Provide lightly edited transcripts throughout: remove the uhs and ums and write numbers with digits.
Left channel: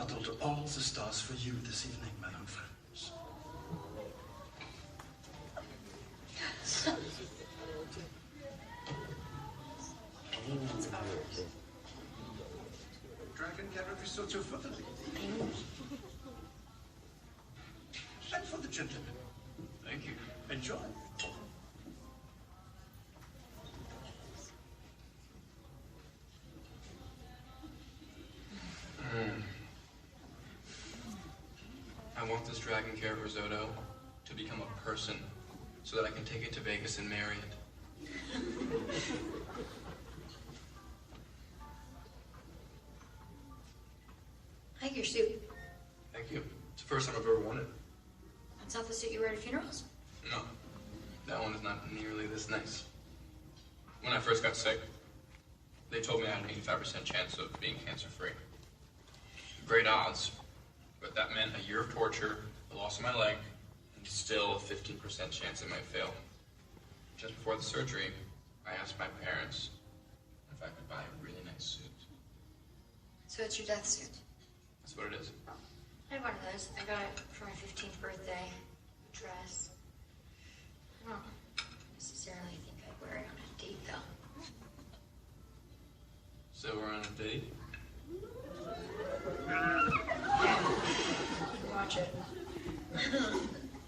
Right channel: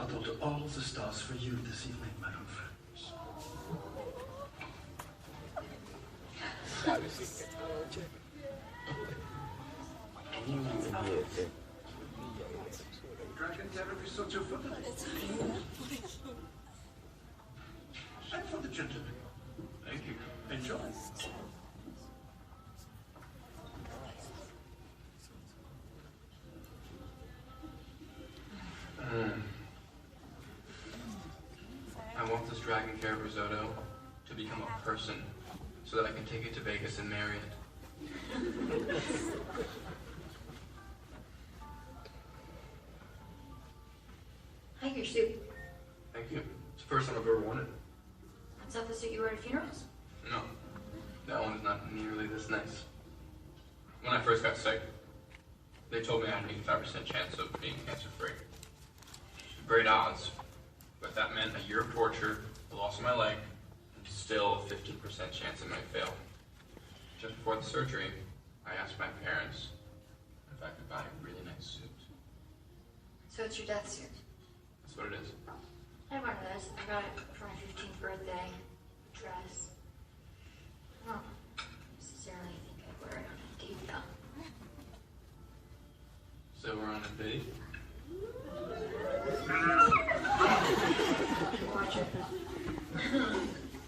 bottled all the stars for you this evening, my own friends. Dragon carrot risotto for the ladies. And for the gentlemen. Thank you. Enjoy. I want this dragon carrot risotto to become a person so that I can take it to Vegas and marry it. I like your suit. Thank you. It's the first time I've ever worn it. That's not the suit you wear to funerals? No, that one is not nearly this nice. When I first got sick, they told me I had an 85% chance of being cancer-free. Great odds, but that meant a year of torture, the loss of my leg, and still a 15% chance it might fail. Just before the surgery, I asked my parents if I could buy a really nice suit. So it's your death suit? That's what it is. I have one of those. I got it for my 15th birthday. Dress. I don't necessarily think I'd wear it on a date, though. So we're on a date? Watch it.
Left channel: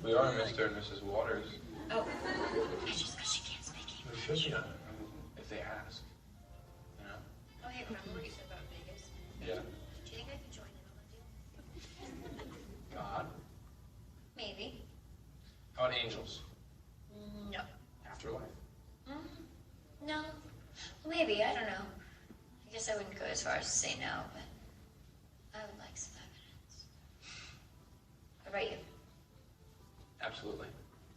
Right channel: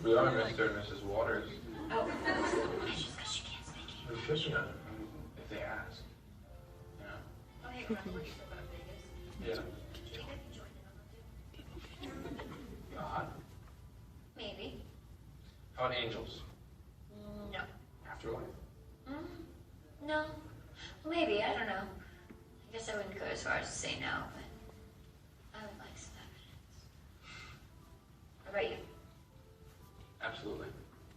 We are Mr. and Mrs. Waters. Oh, I just bet she can't speak We English. should be on it, if they ask. You know? Oh, hey, remember what you said about Vegas? Yeah. Do you think I could join in on the date? God. Maybe. How about angels? No. Afterlife? No. Well, maybe. I don't know. I guess I wouldn't go as far as to say no, but I would like some evidence. What about you? Absolutely.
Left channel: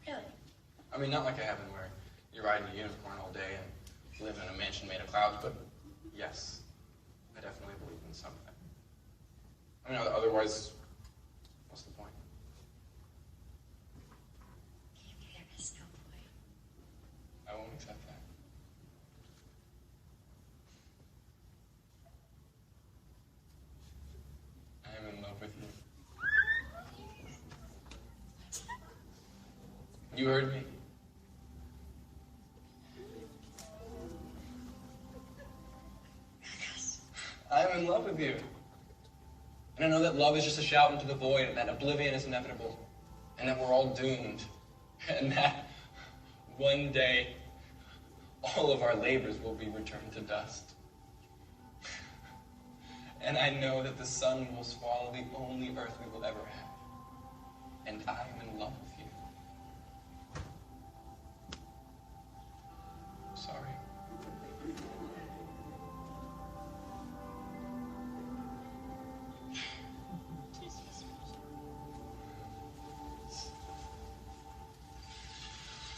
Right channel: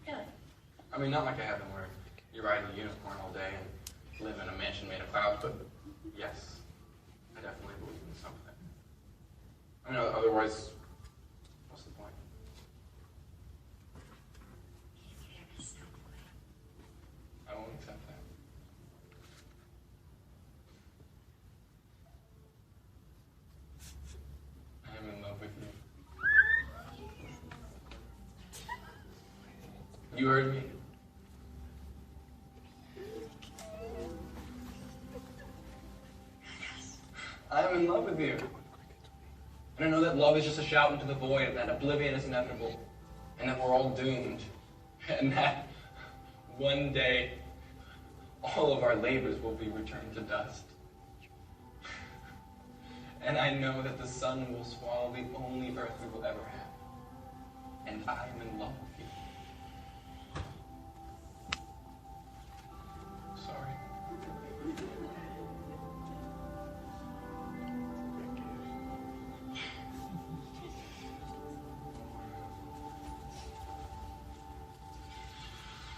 Really? I mean, not like I have them where you ride in a unicorn all day and live in a mansion made of clouds, but yes, I definitely believe in something. I mean, otherwise, what's the point? Maybe there is no point. I won't accept that. I'm in love with you. You heard me. I'm in love with you. And I know that love is just a shout into the void, and that oblivion is inevitable, and that we're all doomed, and that one day all of our labors will be returned to dust. And I know that the sun will swallow the only earth we will ever have. And I am in love with you. Sorry.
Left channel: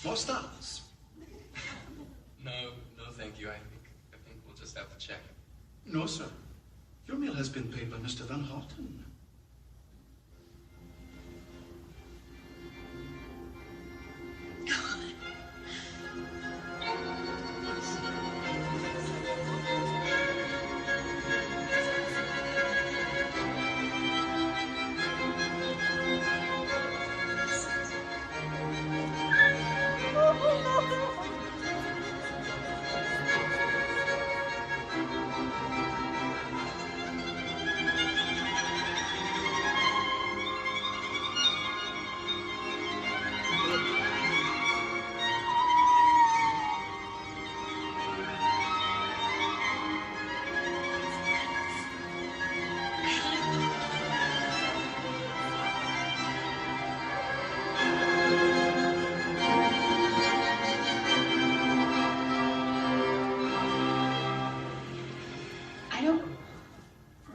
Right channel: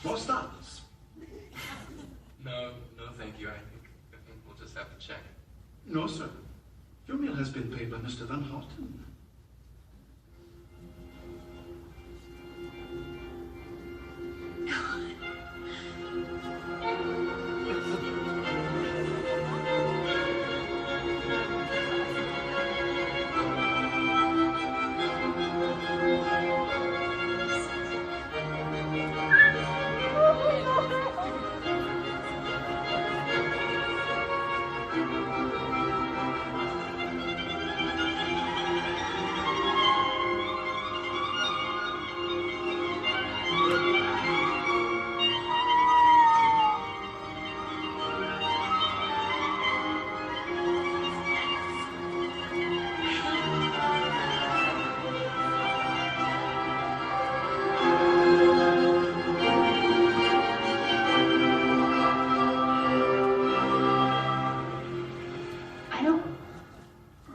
More stars. No, thank you. I think we'll just have to check. No, sir. Your meal has been paid by Mr. Van Houten. I don't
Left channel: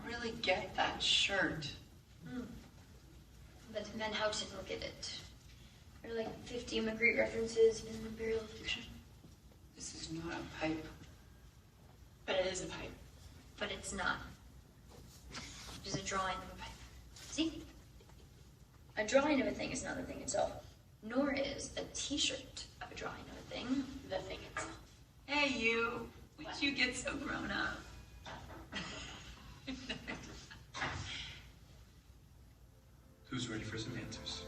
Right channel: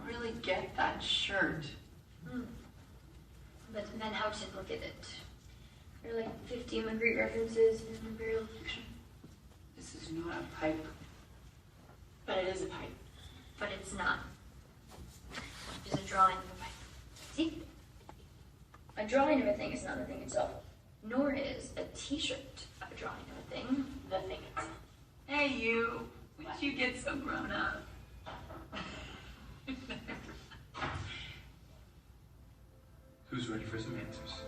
really get that shirt. But Van Houten, look at it. There are like 50 immigrant references in imperial fiction. This is not a pipe. But it is a pipe. But it's not. It's a drawing of a pipe. See? A drawing of a thing is not the thing itself. Nor is a t-shirt of a drawing of a thing the thing itself. Hey, you. Why'd you get so grown up? Who's ready for some answers?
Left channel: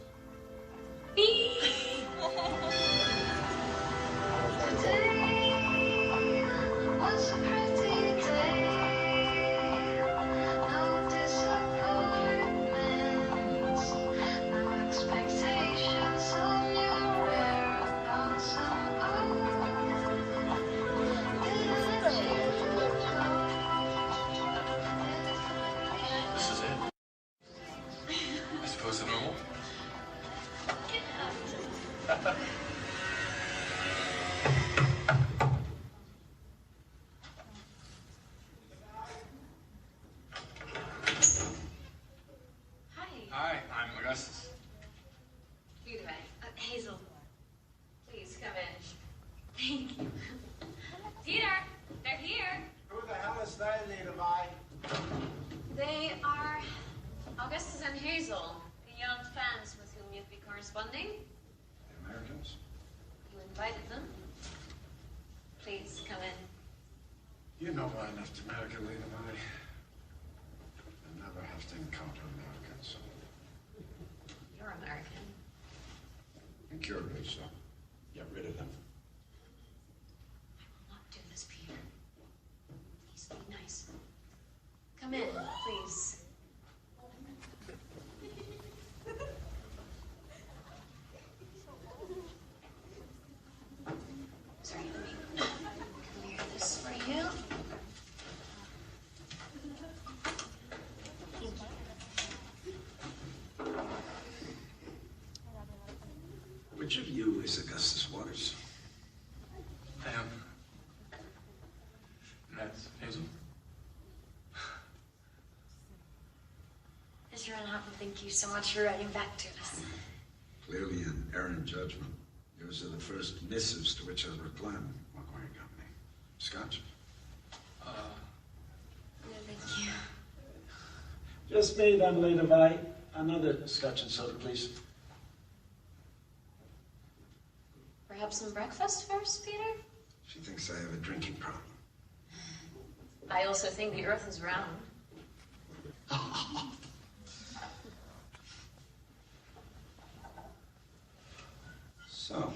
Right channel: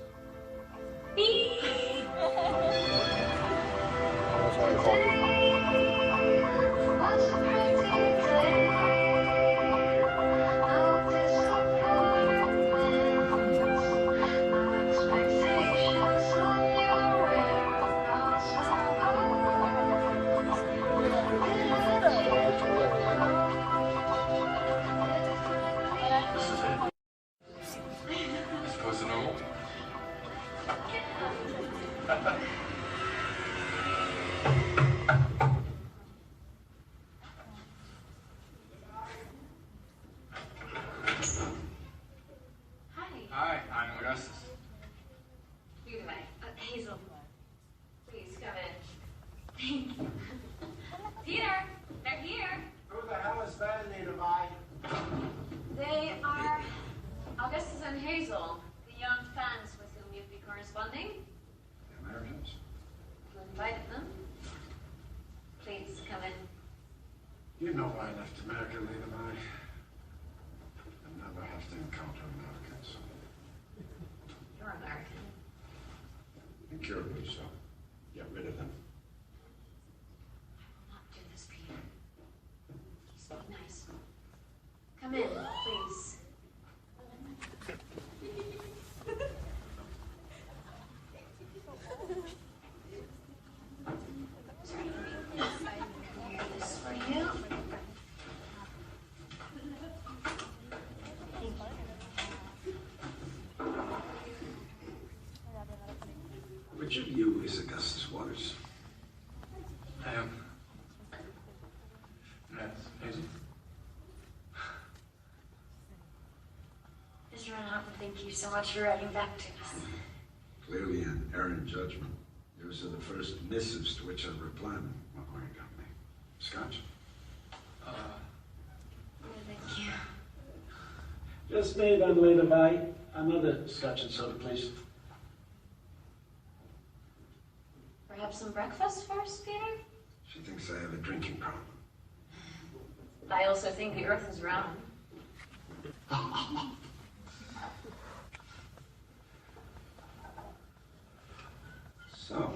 Was a pretty day, no disappointments, no expectations on your whereabouts. This is it. I suppose the normal. Hi, I'm Augustus. You guys, Hazel, please come in. Thank you. Peter, they're here. Who the hell is that, Levi? They are Augustus and Hazel, the young fans with whom you've been corresponding. The Americans. You invited them. Please come in. You know why I left America, Levi. I never have to encounter Americans. You're American. Incurably so. Get rid of them. I will not do this, Peter. Please be nice. Come in, please. Sorry, let me clear this for you. Thank you. Which of you is Augustus Waters? I am. And that's Hazel. Mr. Renhoughton, thank you so much for writing back to us. Clearly an errant judgment. Those are the first missives to which I replied. What were you got me? Scotch? Uh, No, thank you. Just me then, Levi. Another scotch and soda, please. Perhaps some breakfast first, Peter? She thinks I have a drinking problem. I also think the earth is round. So,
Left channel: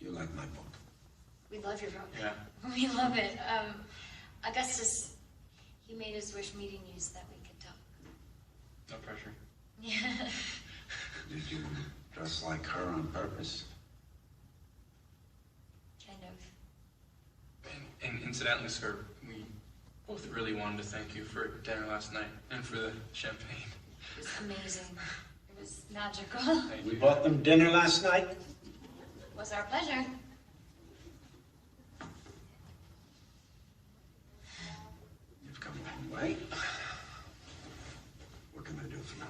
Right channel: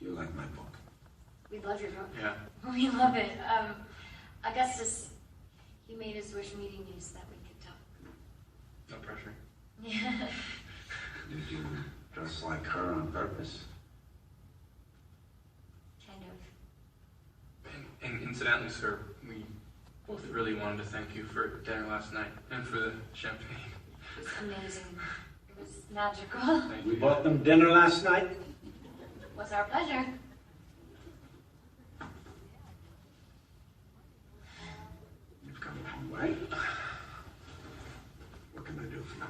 you like my book? We love your book. yeah. We love it. Augustus, he made his wish meeting you so that we could talk. No pressure. Yeah. Did you dress like her on purpose? Kind of. And incidentally, sir, we both really wanted to thank you for dinner last night and for the champagne. It was amazing. It was magical. Thank We you. bought them dinner last night. It was our pleasure. You've come a long way. What can I do for you?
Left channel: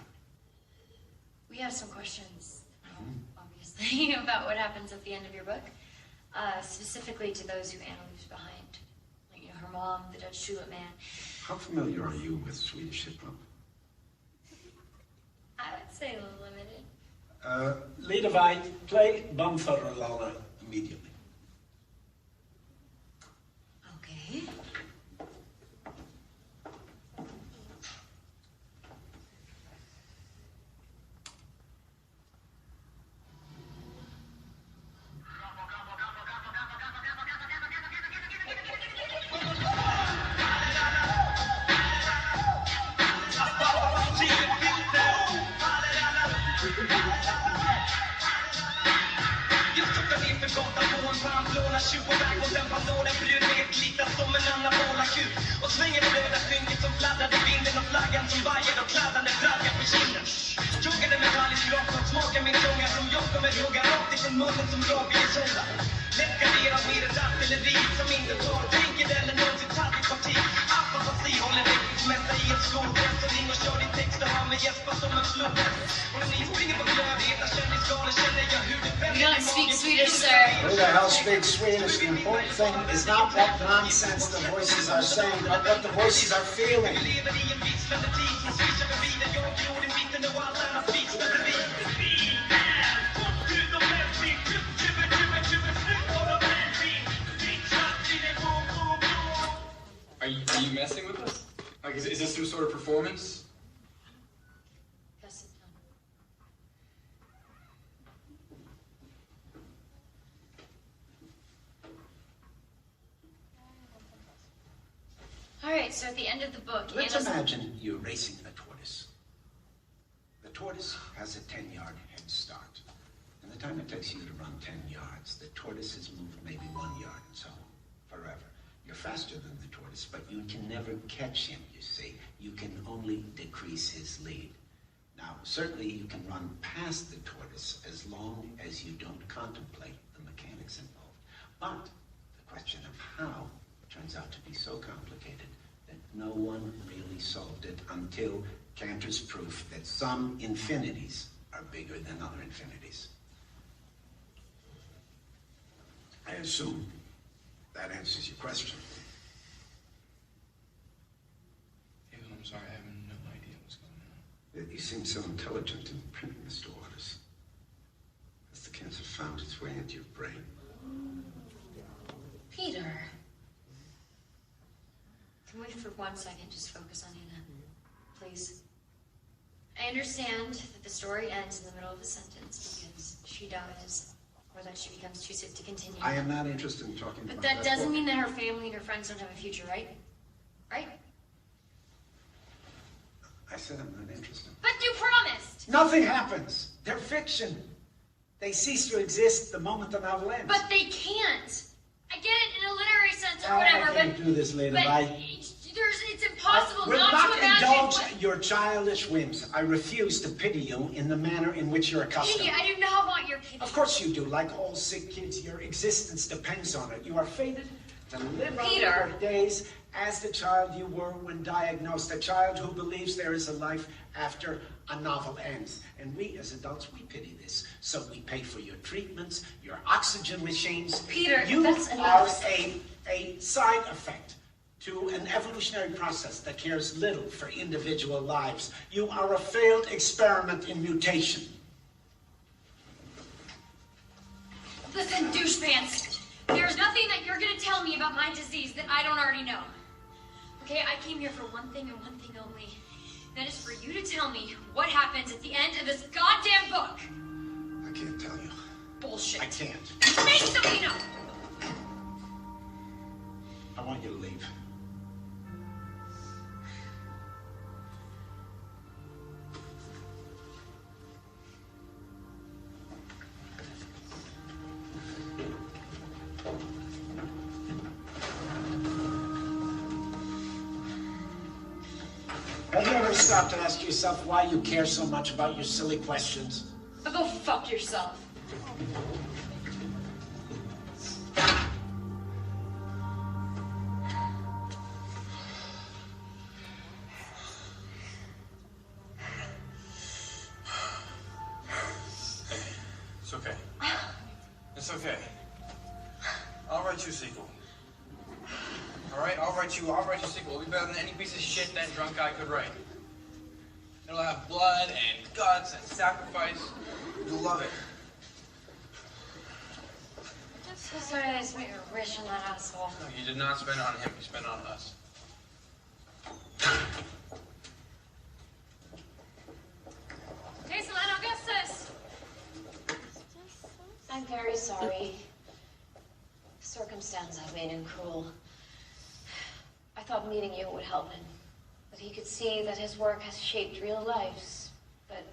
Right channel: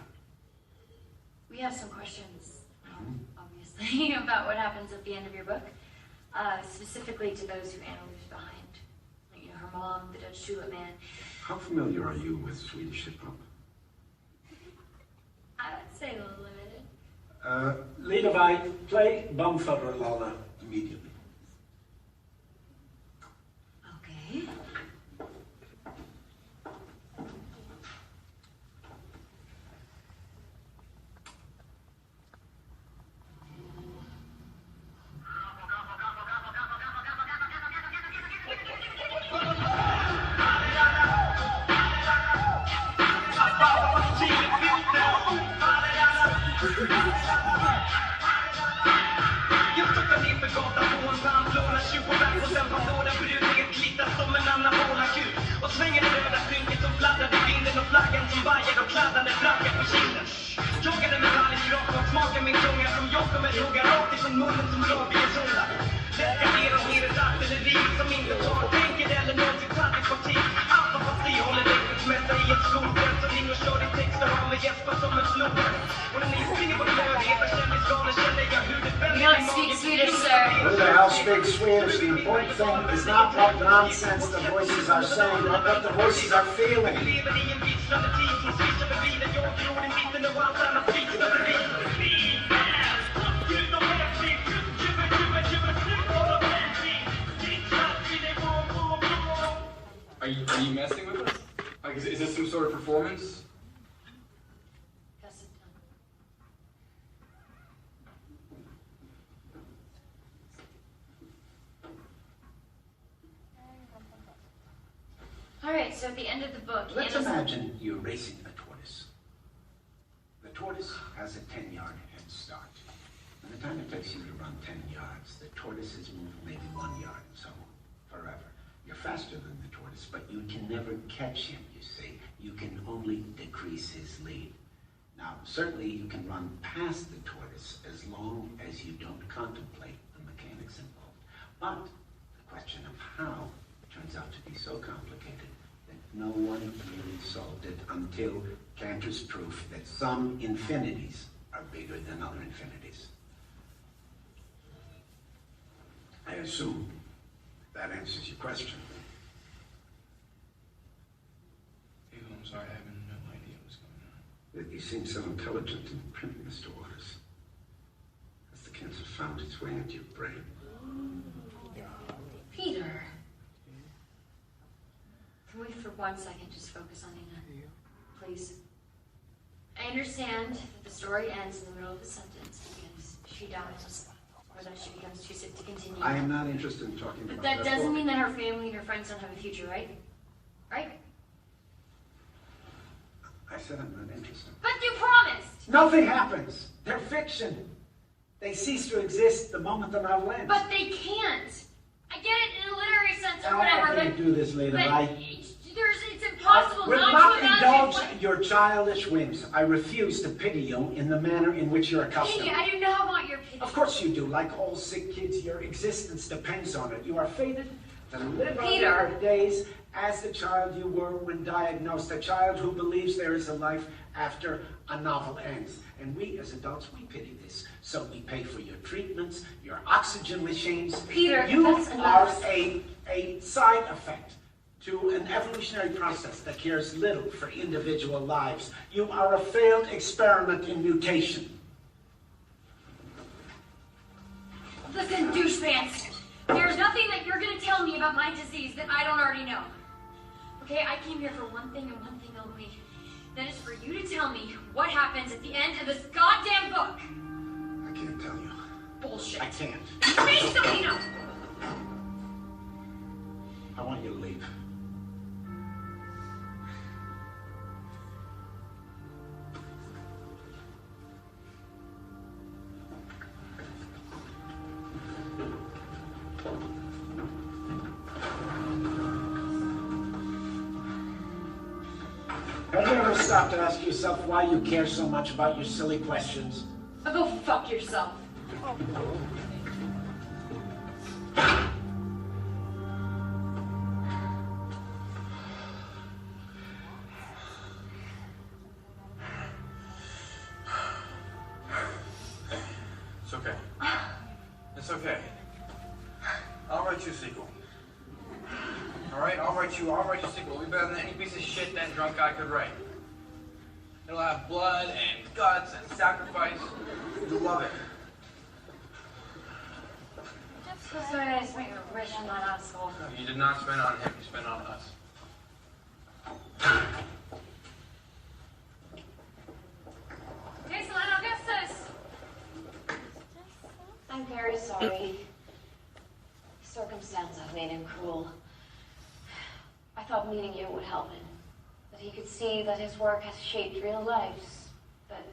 We have some questions, obviously, about what happens at the end of your book. Specifically to those who Anna leaves behind. Like, you know, her mom, the Dutch tulip man. How familiar are you with Swedish hip-hop? I would say a little limited. Levi, play Bumfuddleuller Immediately. Okay. You don't speak Swedish, sir. Who the hell speaks Swedish? The important thing is not what nonsense the voices are saying, but what the voices are feeling. Are you messing with us? Like, is this some sort of performance? Pass it All right, so at the end of the book, Let's Anna's... imagine you're racing a tortoise. The tortoise has a 10-yard head start. By the time it takes you to run 10 yards, the tortoise has moved maybe 1 yard and so on, forever. You're faster than the tortoise, but you can never catch him, you see. You can only decrease his lead. Now, certainly you can run past the tortoise as long as you don't contemplate the mechanics involved. But the question of how turns out to be so complicated that no one really solved it until Cantor's proof that some infinities are bigger than other infinities. I assume that answers your question. I'm sorry, I have no idea what's going on. You seem so intelligent in print, Mr. Waters. Has the cancer found its way into your brain? Peter. Can we for 1 second just focus on Anna? Please. I understand that the story ends in the middle of a sentence because she dies or that she becomes too sick to continue. I am not interested in talking about But that. that doesn't mean that her family and her friends don't have a future, right? Right? I said I'm not interested. But you promised! Nothing happens. They're fiction. They cease to exist the moment the novel ends. But they can't! I get it in a literary sense or I whatever, can't but... do this later. But it's impossible will not not to imagine indulge what... your childish whims. I refuse to pity you in the manner in which you're accustomed. Pity, I do not want your pity. Of course you do. Like all sick kids, your existence depends on it. You are fated to live on Peter. your days as the child you were when diagnosed, a child who believes there is a life after a novel ends. And we, as adults, we pity this. So we pay for your treatments, your oxygen machines. Peter, you that's are enough. a side effect to an evolutionary process that cares little for individual lives. You are a failed experiment in mutation. Listen, douchebags. There's nothing that you're gonna tell me about my disease that I don't already know. Okay, I came here for one thing and one thing only. That is for you to tell me what happens at the end of this goddamn book. I can't tell you. Bullshit. I can't. Make something up. I want you to leave. Have you ever stopped to ask yourself why you care so much about your silly questions? But go fuck yourself. It's okay. It's okay. I'll write you a sequel. All right, I'll write you a sequel. It'll be better than any piece of shit that drunk guy could write. It'll have blood and guts and sacrifice. You'll love it. So sorry I spent your rich on that asshole. No, you did not spend it on him. You spent it on us. Hazel and Augustus! I'm very sorry. The circumstance I've made him cruel. I thought meeting you would help him. That he could see that his work has shaped real lives. But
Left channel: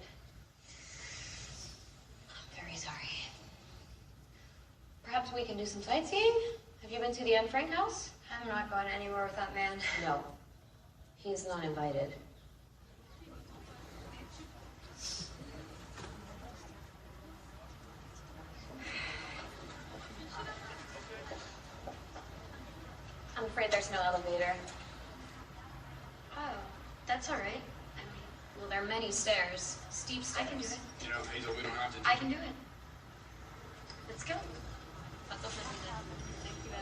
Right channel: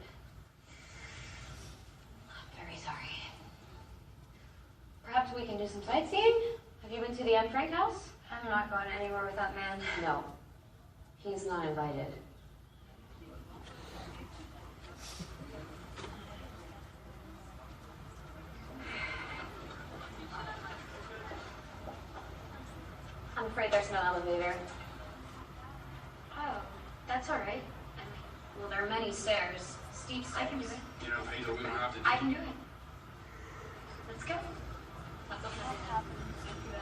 I'm very sorry. Perhaps we can do some sightseeing? Have you been to the Anne Frank house? I'm not going anywhere with that man. No. He's not invited. I'm afraid there's no elevator. Oh, that's all right. I mean, well, there are many stairs. Steep steps. You know, Hazel, we don't have to do I can do it. Let's go. That's all I did. Thank you.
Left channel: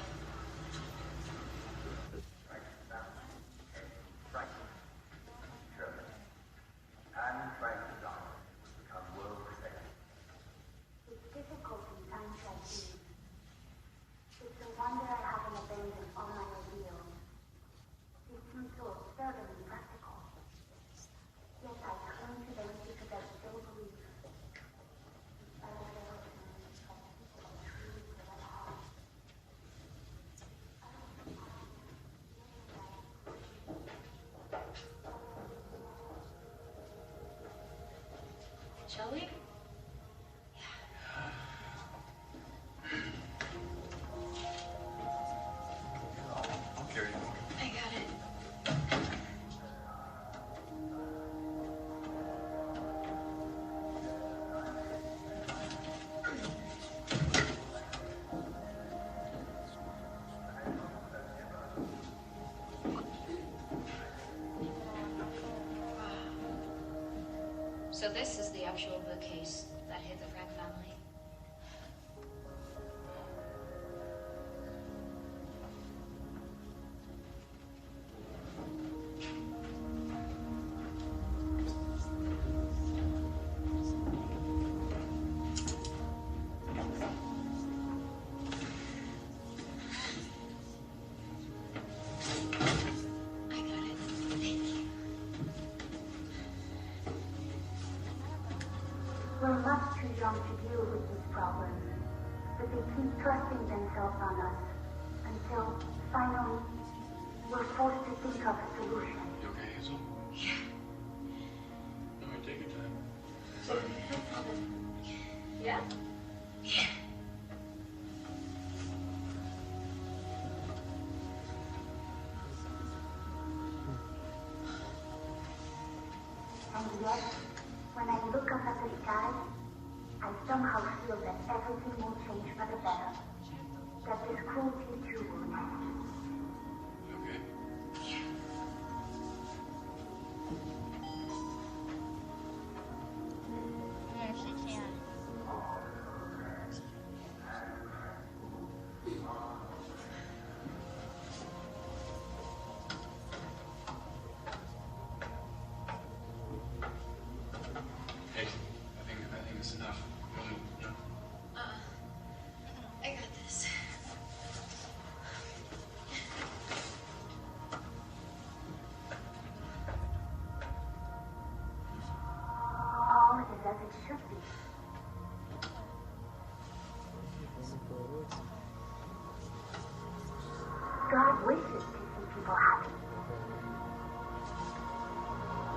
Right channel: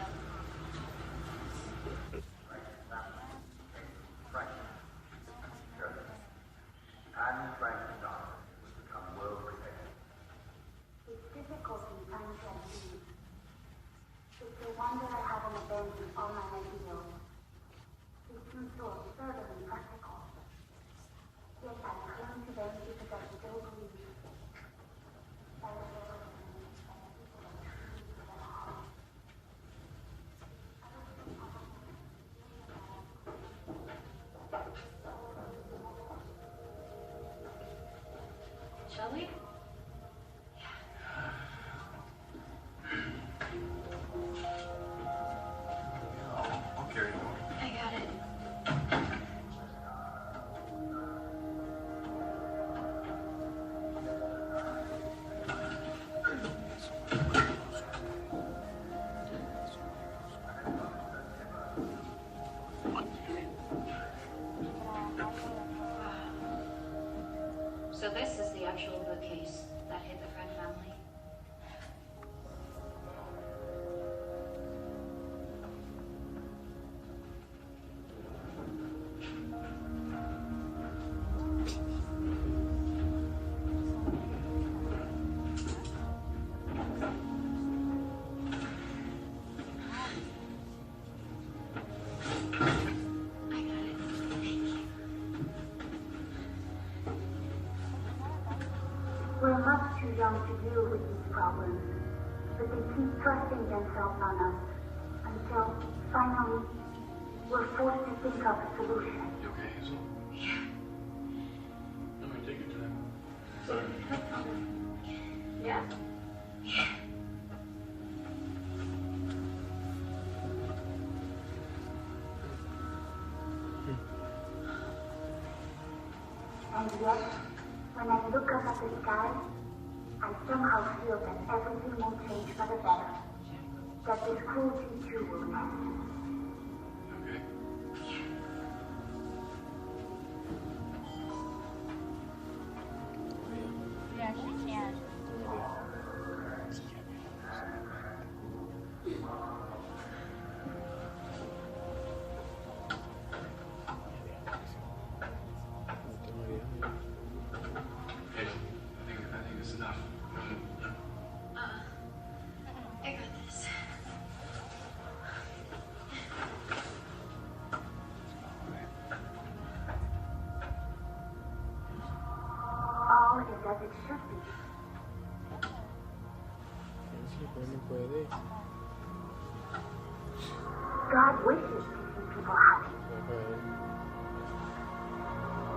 It's difficulty coming to peace. It's the wonder I haven't abandoned all my ideals. These two thoughts certainly practical. Yet I cling to them because I still believe. Despite of everything, that the people are truly good at heart. shall we? I'll carry you. I got it. So this is the actual bookcase that hit the Grant family. I got it. Thank you. We're much too young to deal with these problems, but they keep trusting themselves on us until, finally, we're forced to think of a solution. You okay, Hazel? Yeah. I'm gonna take your time. Sorry. No problem. Yeah? Yeah. And yet, when I look up at the sky, I somehow feel that everything will change for the better. That this cruelty too will end. You okay? Yeah, she can. Hazel, I think it's enough. I got this. All is as it should be. God wishes to see people happy.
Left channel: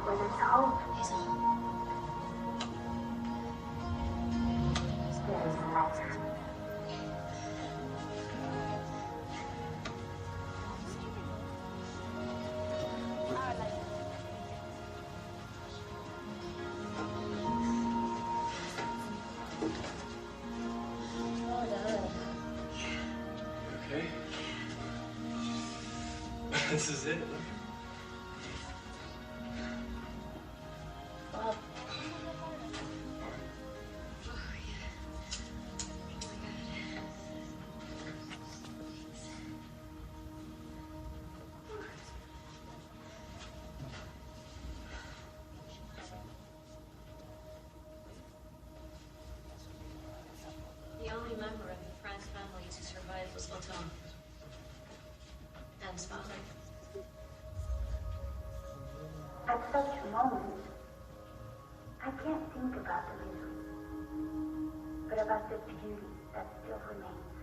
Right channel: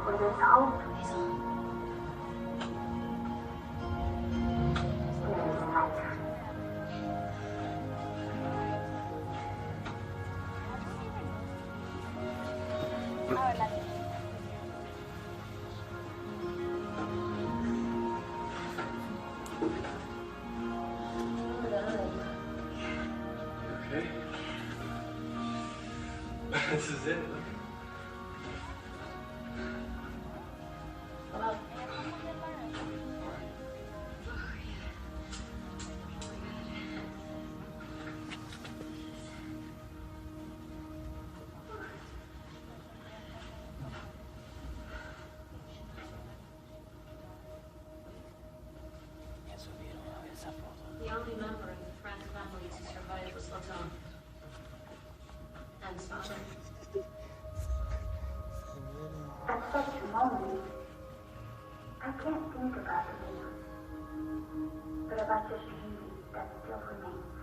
Where there's hope, Hazel. there is life. Okay? This is it. Well, the only member of the Franz family to survive was Otto. And his father. At such a moment, I can't think about the news, but about the beauty that still remains.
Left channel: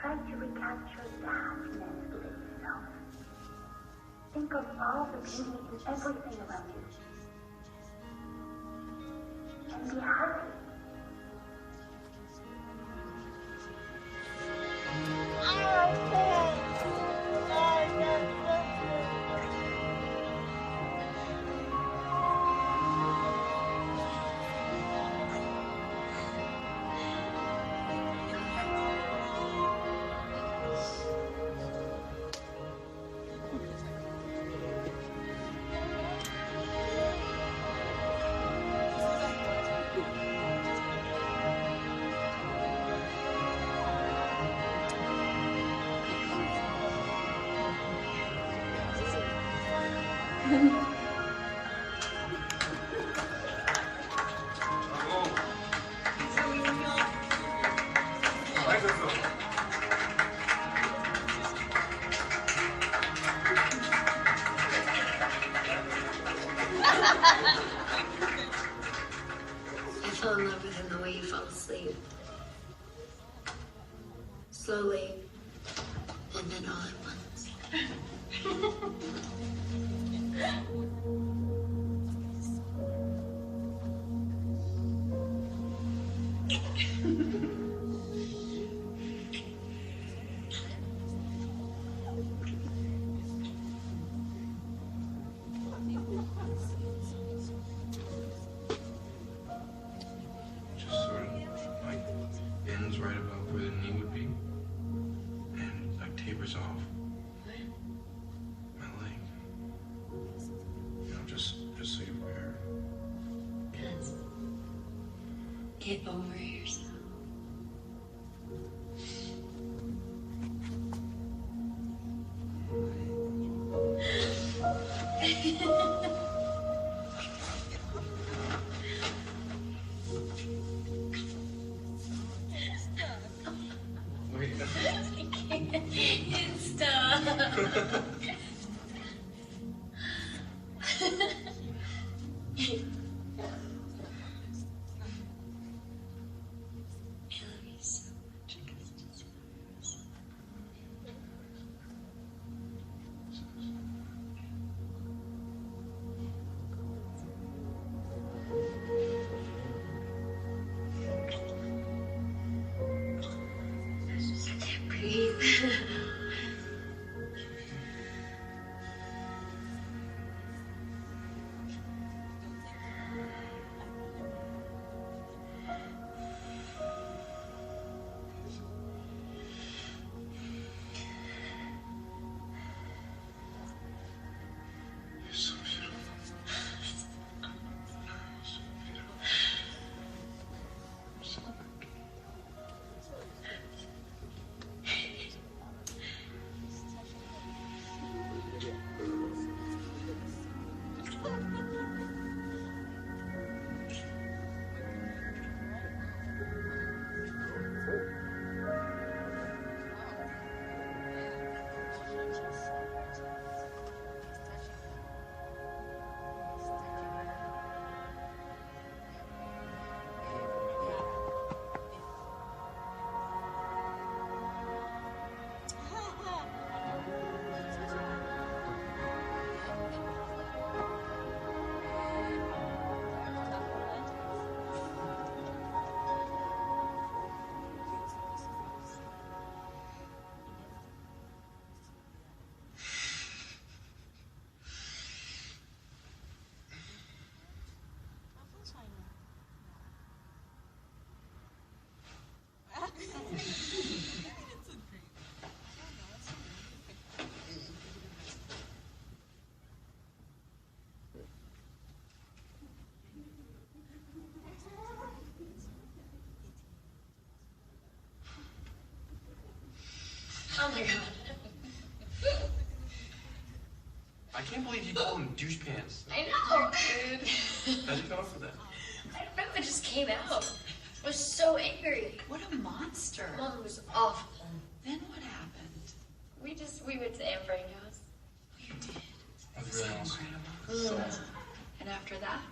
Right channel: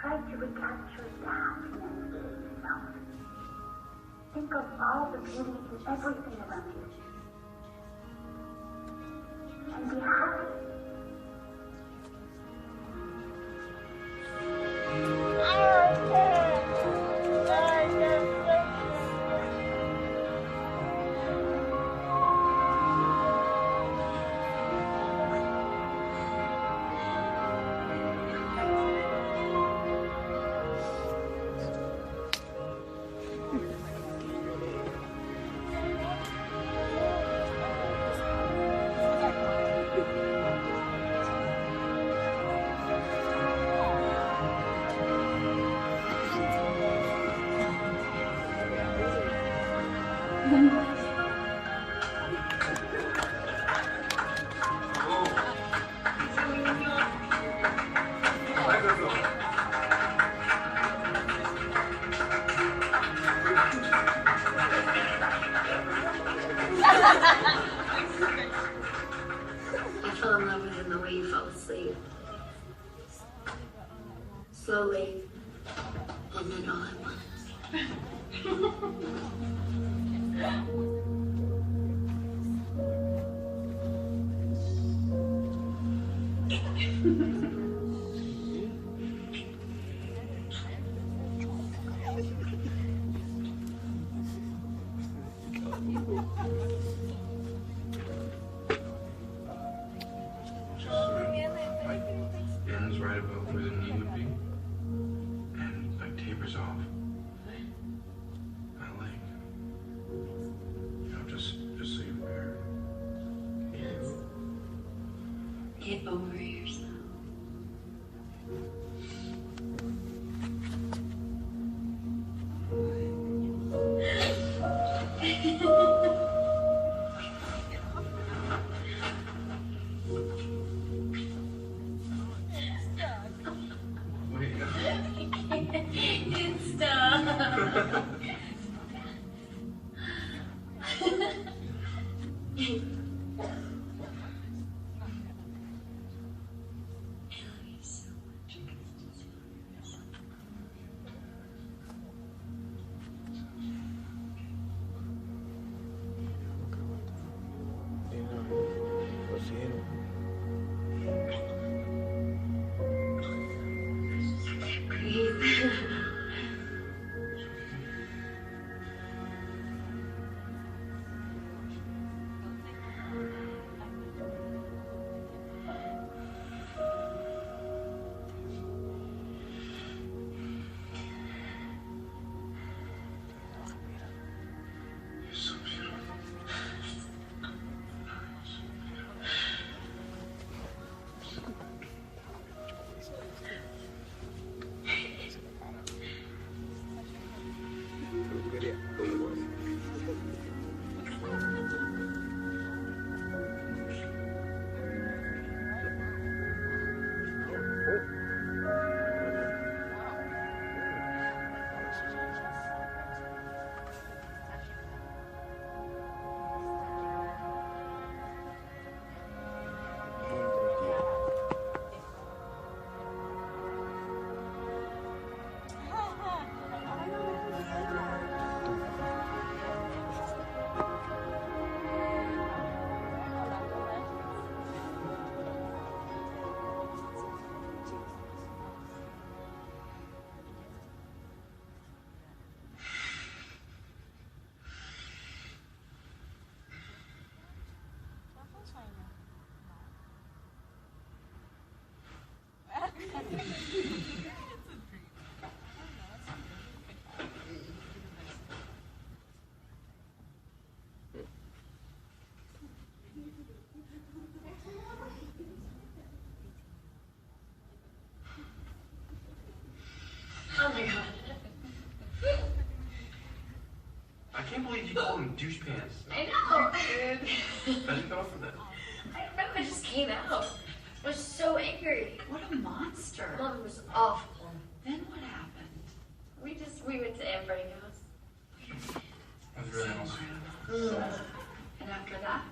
Try to recapture the happiness within yourself. Think of all the beauty in everything around you. And be happy. I fell in love with him the way you fell asleep. Slowly, and then all at once. Get over yourself. Oh my god. I can't believe you called them douche pants. I know. How'd you come up with that? I don't know, it just came out. I was so angry. What a monster. Mom was awful. Then what happened? We went to Aunt Frank's house. That's really awesome. And after that?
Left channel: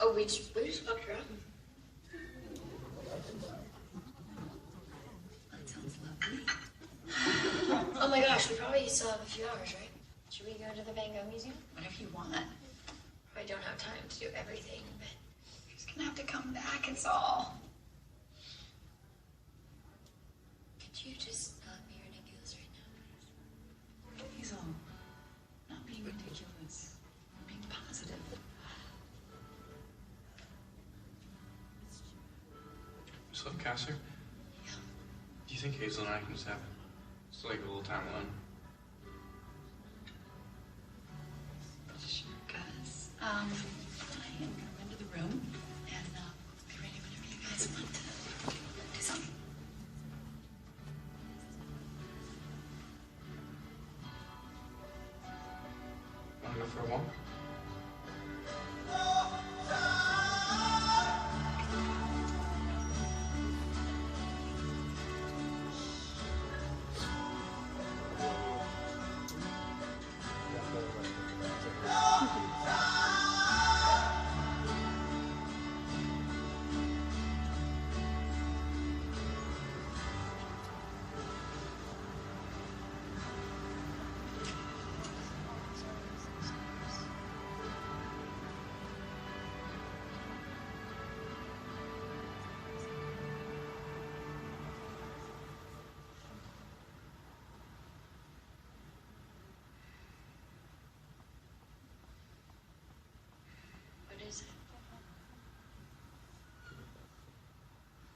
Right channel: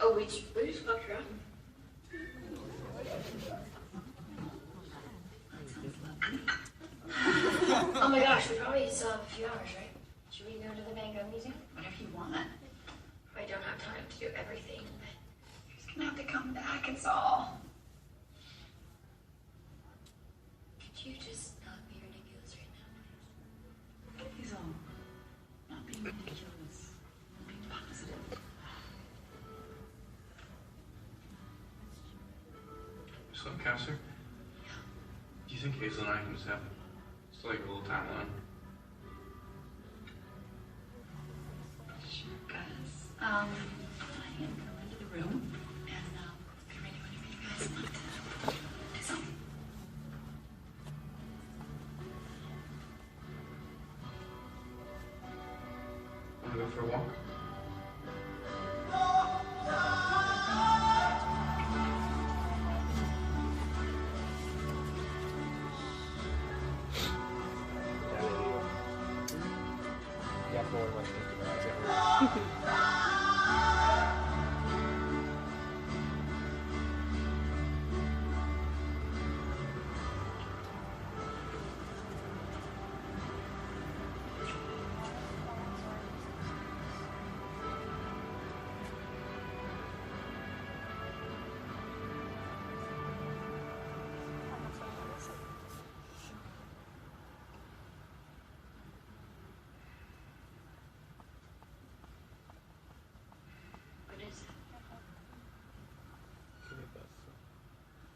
Oh, we just fucked around. That sounds lovely. Oh my gosh, we probably still have a few hours, right? Should we go to the Van Gogh Museum? Whatever you want. I don't have time to do everything, but You're just gonna have to come back, it's all. could you just not be ridiculous right now? Hazel, not being ridiculous. Being positive. So, Casser, do you think Hazel and I can just have just like a little time alone? Sure, Gus. I can come into the room and be ready whenever you guys want to do something. Want to go for a walk? What is it?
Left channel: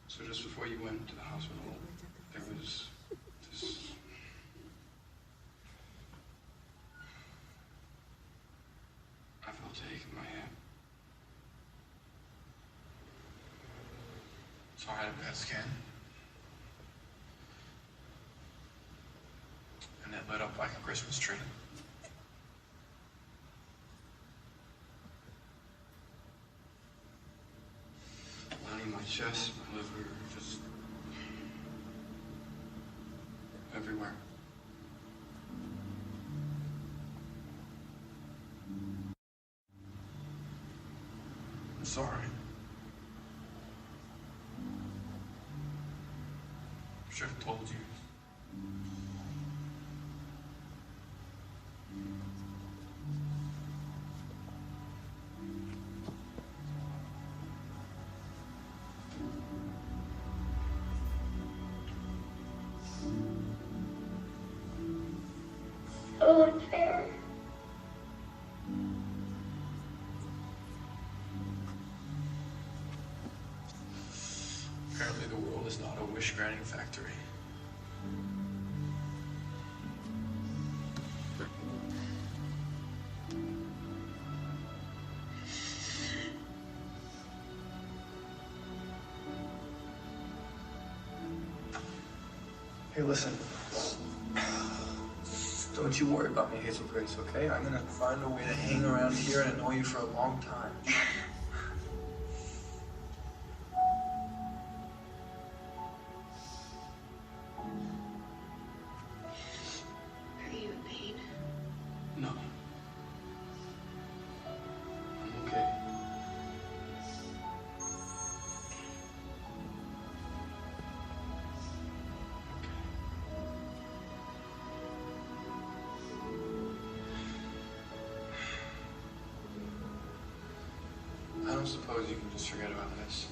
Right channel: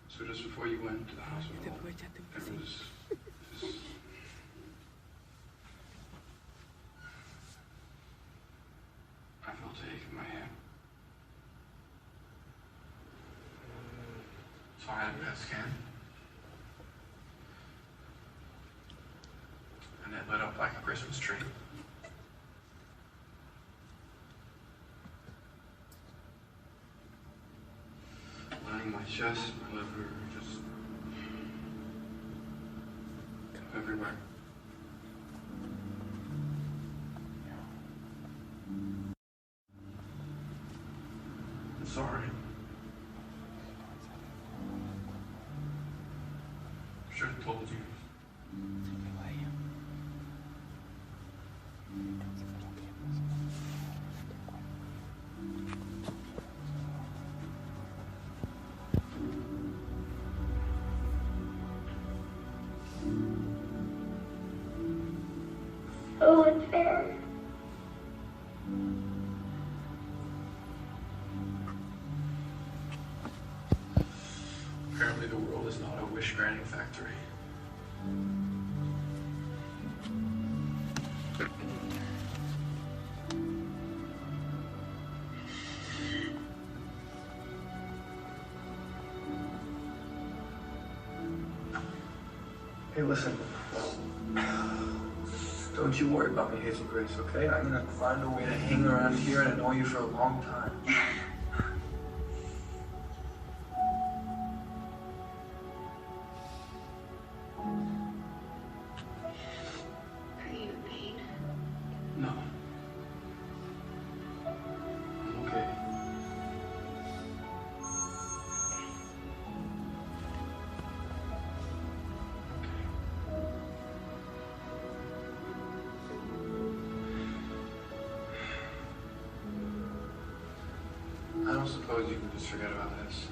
So just before you went to the hospital, there was this... I felt a ache in my head. So I had a PET scan. And it lit up like a Christmas tree. Lining my chest, my liver, just everywhere. I'm sorry. I should have told you. So unfair. Apparently the world is not a wish-granting factory. Hey, listen. Don't you worry about me, Hazel Grace, okay? I'm gonna find a way to hang around here and annoy you for a long time. Are you in pain? No. I'm okay. I don't suppose you can just forget about this.